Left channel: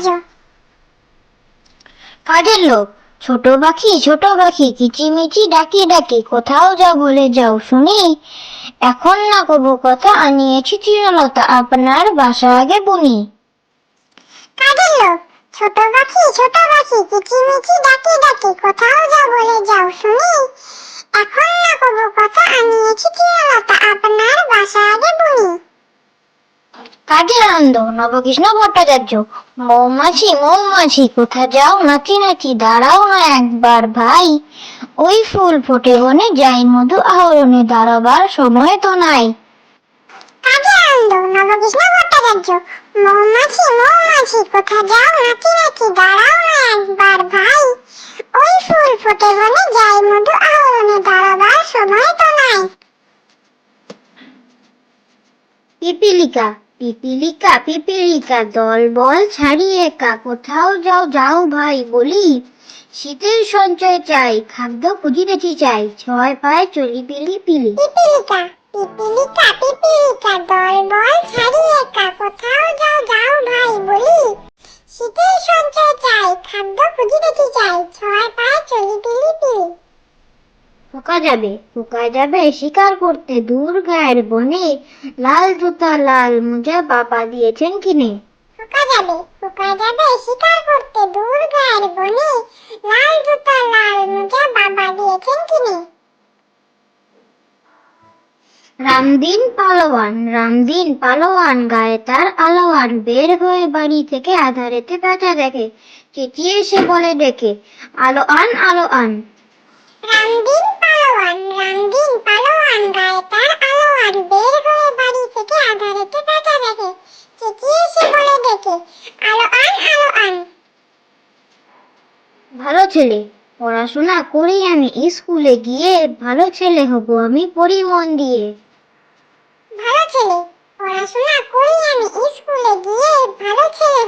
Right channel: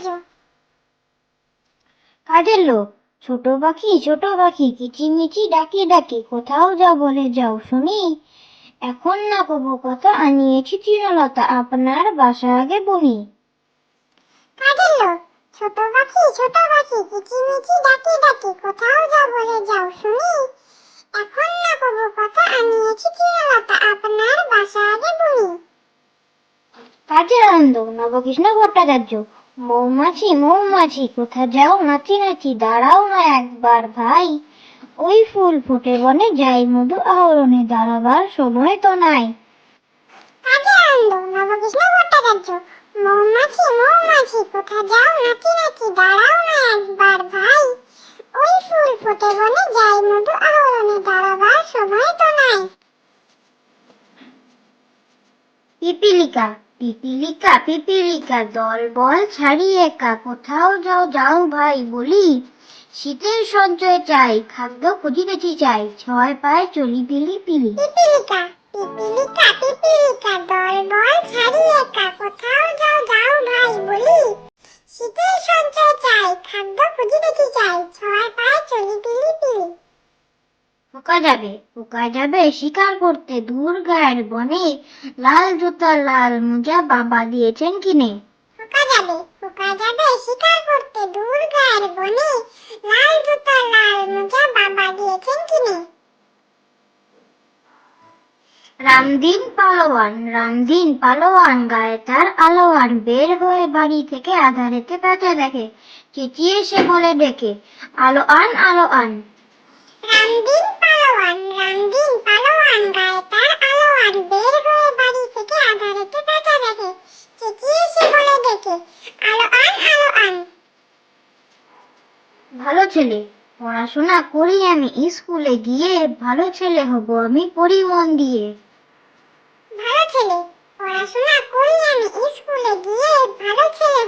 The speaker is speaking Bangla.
ভট্টাচার্য। কাজের লোক, ছোট পাখি কিচিমিচি ডাকি ডাকি, কোথাও যাও বলে যাও শুনি। এখন না কবু কথা, আনিয়েছি চিরলতা, আপনার বাসা আগে বুনি। কাজের লোক, ছোট পাখি কিচিমিচি ডাকি ডাকি, কোথাও যাও বলে যাও শুনি। এখন না কবু কথা, আনিয়েছি চিরলতা, আপনার বাসা আগে বুনি। কাজের আনন্দ, নবকৃষ্ণ ভট্টাচার্য। মৌমাছি কোথা যাও নাচি নাচি, দাঁড়াও না একবার ভাই। ওই ফুল ফোটে বনে, যাই মধু আহরণে, দাঁড়াবার সময় তো নাই। কাজের আনন্দ, নবকৃষ্ণ ভট্টাচার্য। মৌমাছি কোথা যাও নাচি নাচি, দাঁড়াও না একবার ভাই। ওই ফুল ফোটে বনে, যাই মধু আহরণে, দাঁড়াবার সময় তো নাই। পিপিলিকা দল বল ছাড়িয়ে একা, কোথাও যাও ভাই বলি। শীতের সঞ্চয় চাই, খাদ্য খুঁজিতেছি চাই, ছয় পায়ে চলি পিলি পিলি। পিপিলিকা দল বল ছাড়িয়ে একা, কোথাও যাও ভাই বলি। শীতের সঞ্চয় চাই, খাদ্য খুঁজিতেছি চাই, ছয় পায়ে চলি পিলি পিলি। পোকা যাবে শিকার করতে দূর গায়ের বনে, লাল জুতা লাল মোজা বাবা দিয়েছেন কিনে। পোকা যাবে শিকার করতে দূর গায়ের বনে, লাল জুতা লাল মোজা বাবা দিয়েছেন কিনে। রামদিন পালোয়ান, গায়ে তার আলোয়ান, বের হয়ে বাড়ি থেকে আধারেতে পেঁচা দেখে, চেঁচিয়ে সে বলে ডেকে, আলো আন। রামদিন পালোয়ান, গায়ে তার আলোয়ান, বের হয়ে বাড়ি থেকে আঁধারেতে পেঁচা দেখে, চেঁচিয়ে সে বলে ডেকে, আলো আন। ভালো ছেলে, পড়াশোনা করি আমি, স্কুলে গিয়ে ভালো ছেলে হব আমি, পড়ি মন দিয়ে। ভালো ছেলে, পড়াশোনা করি আমি, স্কুলে গিয়ে ভালো ছেলে